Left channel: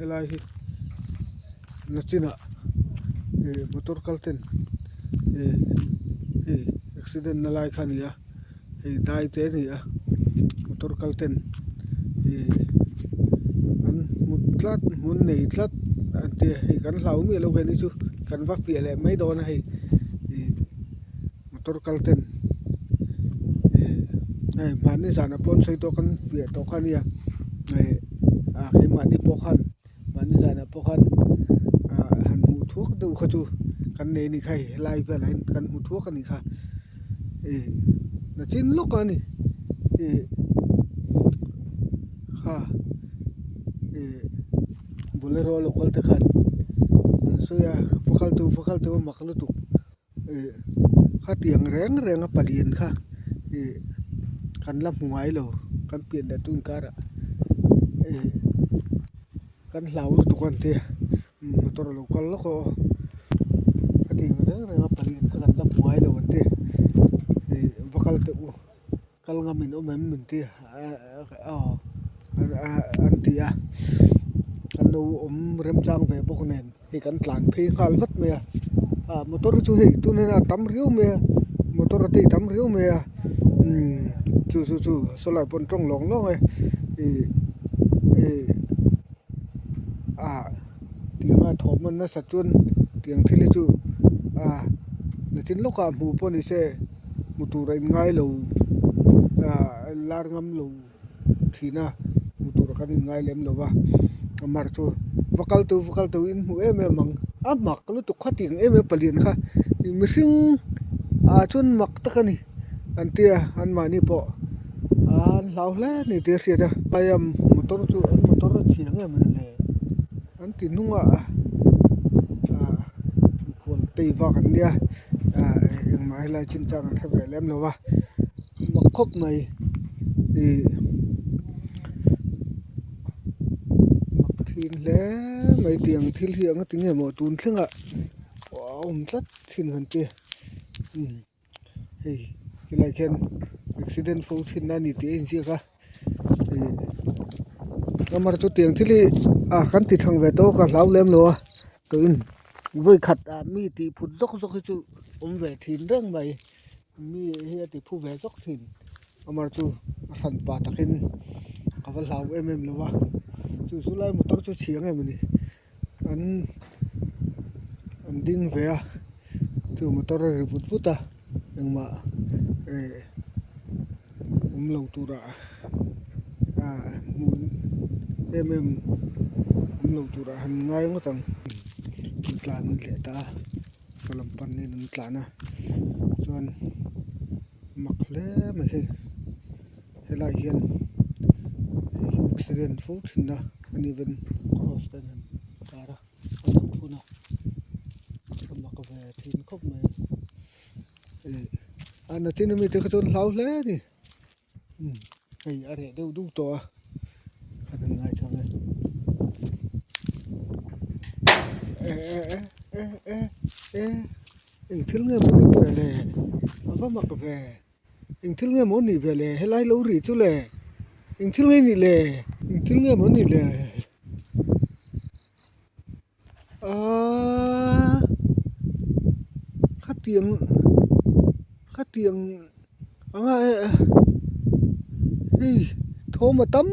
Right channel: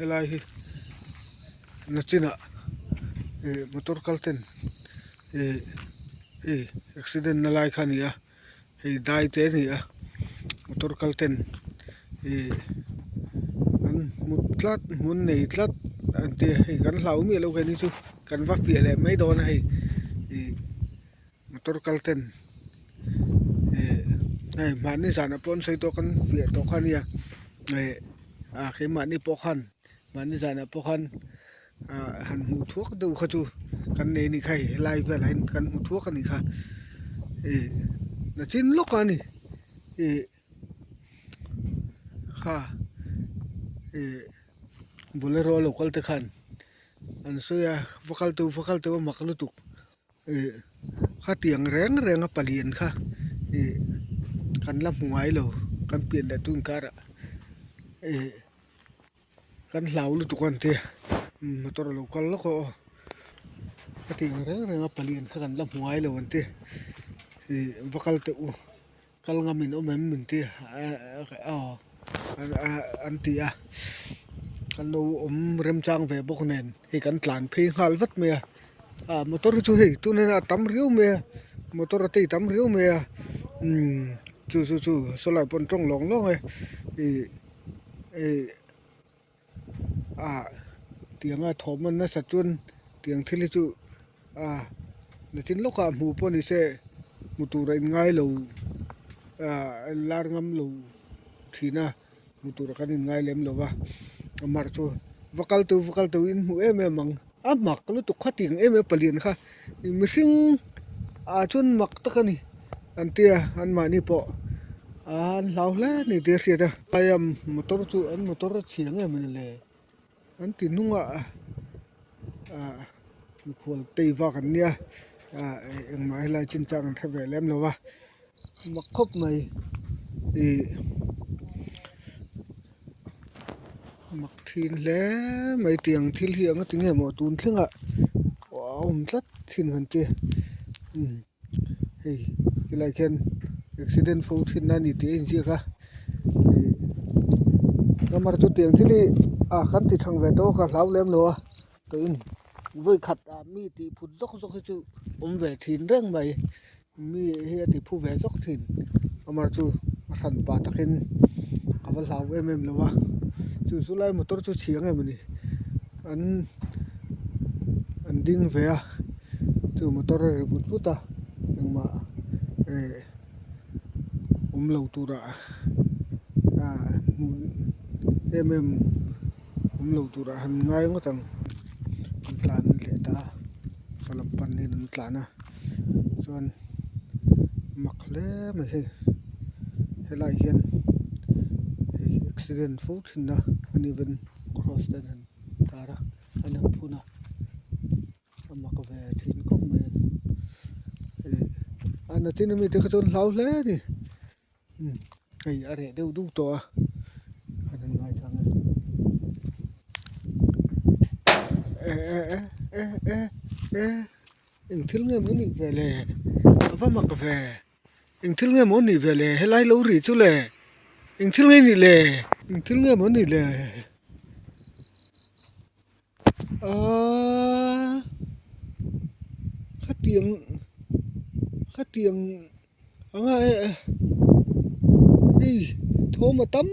elai hi nachina motor kalten hi accident na lai khania hi dai te ni a motor kalten an mutlat mun nei tlat ante hi kan hlau mi lo ke ni chu kan va pia le mai don hi motor kalten ai mani sana pon sei to kan pia to khania ai khi mani pokhan mani sana pokhan han mu thuốc đâu kha chu kan ne ni khai lai ve lain kan mu thuốc kan ni kha na chin lok ani kha bolero local te khan an so ya fakal tu maklu tu kha tiang reng reng a palien kha kan lam ngai lo kan pien da tun kara kan hlau lu tu kan te motor local lo ko tiang reng reng a palien kha kan lam ngai lo an te fakal tu kal ngamin o mem min te an ti a kan no rem chang ve bok nen hi kan tlan phi hal vat me motor chu hi tu ne tam riu me motor ti tam riu me chu so lai pon trong long long tiang a thom man na sa chun tiang thili chu na tin loka mu pon ni se mutu rai ngai lo lar ngam lo thina mutu ra kan ngai lem lo wa amar chu vakal tu in mu em mang mak lu tu khating em palien kha mi hring chun mak to kani antia an mani po an lau le ni te ria da ayam motor chu an motor chiang em le an ti nunga mi khol tei wa kan nia eng mai lai chin chang an thave lem lo wa mak khop mai thin le mai tiang thil hi anga tinge mo tun thlenga tlat thin han te hei kilai khen accident fo thin na ni te in ji kha amar tu tiang thili kan ti thang ve to ka hlau lem lo to in voi khat mi ti phut jok chu ve thin reng mai mi he ti phu ve jok thin amar tu san pa takin ka va hlau em lo wa chu lai motor chu chiang em ni an ding ve chu motor ri put engma lo tura mun lo tura han ngai ngotang tlan le ta kalam pan ni nan tlana chuan makle mai he lai hian accident fo thinna ani ven cross den han kara an phuna mak ve thin kom mai ana tin mi te khon hlau hle ni kai are deu du to an ngai chang eng thil nge moni ve le ava mak ve eng thil nge moni ve le helai lo ri chu le eng thil nge ni le eng thil nge moni le khatiang anga thom tam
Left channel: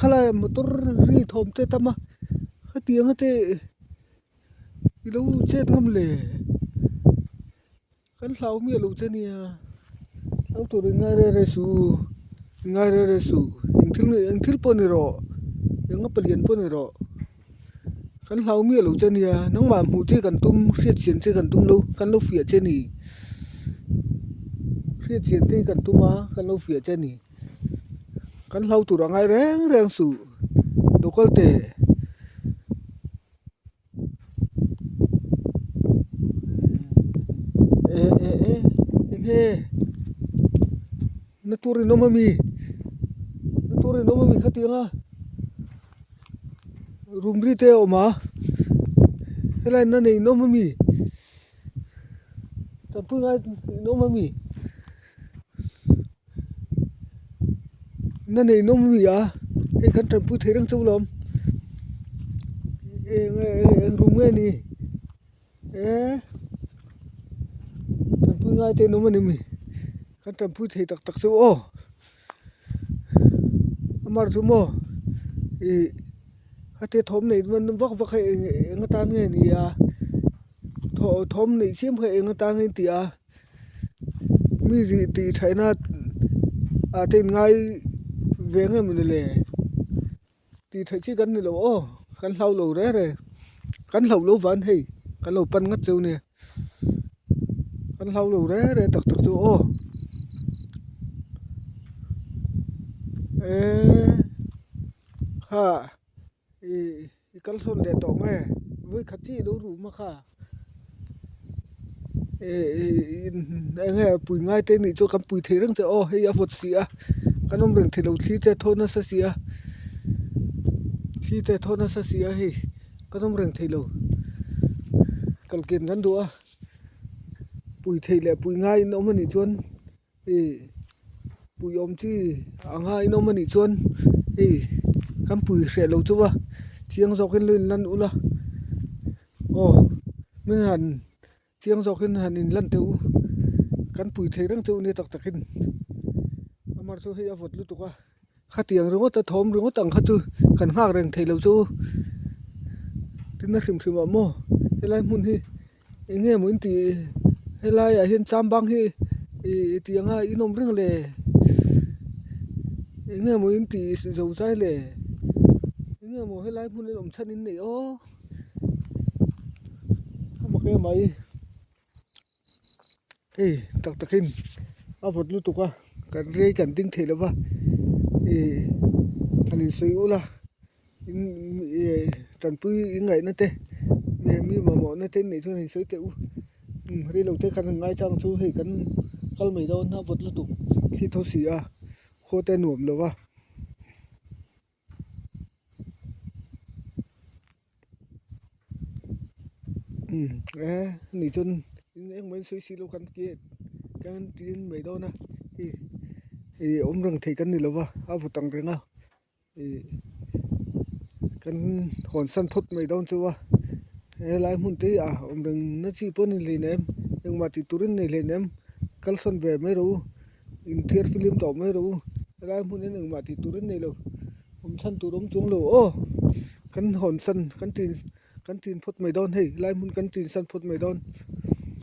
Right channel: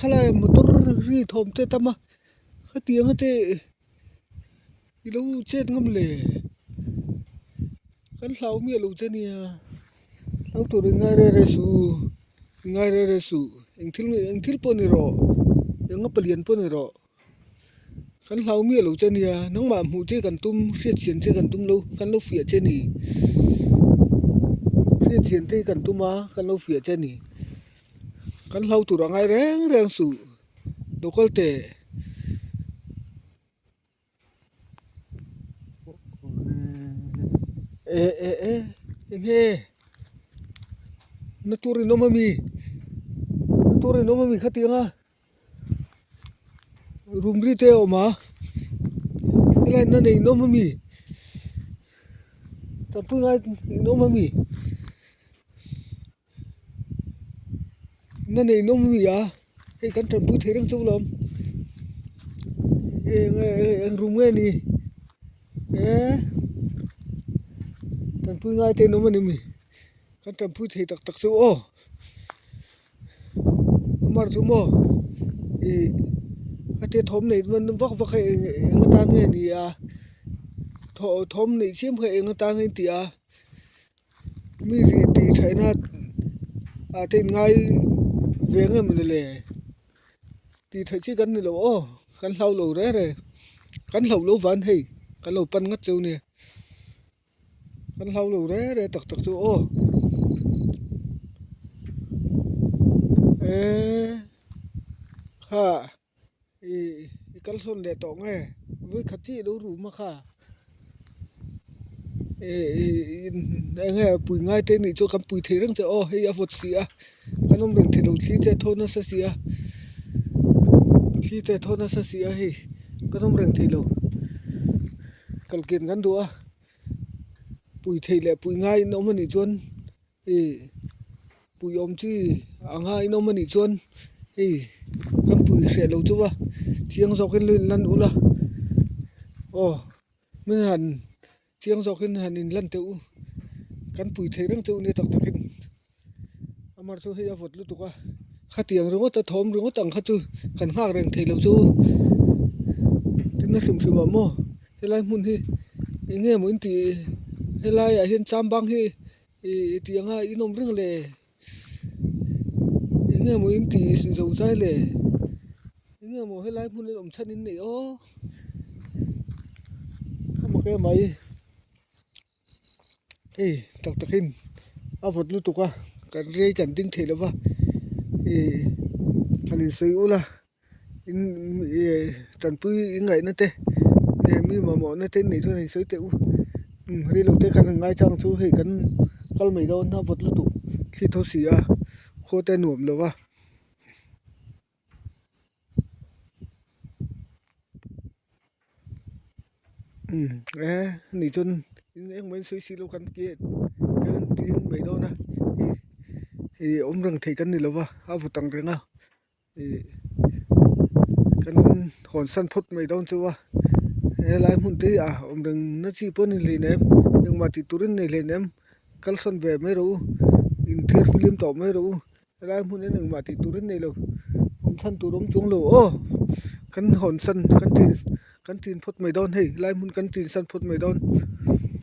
khala motor ri thom te tama khatiang te lo chet ngam le kan hlau mi lo che nia au tu ngai re su eng thil poni ro eng apalien poni ro kan hlau mi lo che nia nang ma mu che kan tum riat chen che kan tum lo kan lo fia che ni riat chen te kan tuma kan lo fia che ni kan hlau tu ra ngai reng su dokal te he na turi no mami khatianga rumri te oma helai na nei no mami tampu ngai no mami na nei no mami he kan tampu therang chu lom eng rum nge ni tan pui ngai te no mani mi kan tan pui thei tak tak chu o amar chu mo i ate thom nei man vak vak eng ta nge ni a thom nei sim kha eng ta nge ti a mi ri ti thaina a ten ngai venge mun le ti thai chi kan ni lo o kan hlau lo re kan hlau lo van hei kan lo pan ngat chu ne kan hlau lo re tak tak chu o kha i kal son de to nge với khát chi đâu rủ mà kha nghe bùi ngay tên này cho cắm bùi thế rằng ô hay à vật gì à cái ông đừng thì đầu chi thế thôi nó sẽ gì à chi thế thôi nó sẽ gì à hay cái ông đừng thì đầu cần kiện gắn đũa bùi thì lại bùi ngay nó mà nị chuan bùi ông chi à ngay nó mà nị chuan cắm bùi sẽ lâu chú à chiang dọc cái lươn lăn ula ô mình hẳn chiang dọc cái hẳn in lăn tiêu kan pui thei rang chu ni tak takin amar chu hei avot lu tuka khatiang rongo ta thom rongo tang kha chu kan hak reng thei lo chu tin na hrim hrim mo helai mun hi enge mo in ti helai a hian cham bang hi tianga inom ring le enge mo in ti zo chai le enge mo helai mun le om chan in nei o ama ke mai tak takin avot lu tuka kan rei kan ding thei lova hanin soi ula in tan pui ingai na te mi ma mo na te nei thon soi te u ri lo te kan ngai chang chu hei kan kal mai do na vot lu tu thi tho si a kho te nuam lova ni chun eng men soi si lo kan ke kan tin mai do na om rang thei kan ni lova avutang renga kan hon san phut mai don chuwa lai mun te a om rang na chi pon ni le nem yang ma ti turin nei le nem kal son ve mai ro in thier film to mai ro lai mun ne ma ti turin nei lo om san tu rom chung lo o kan hon san kan tin phut mai don hei lai mun kan tin san phut mai don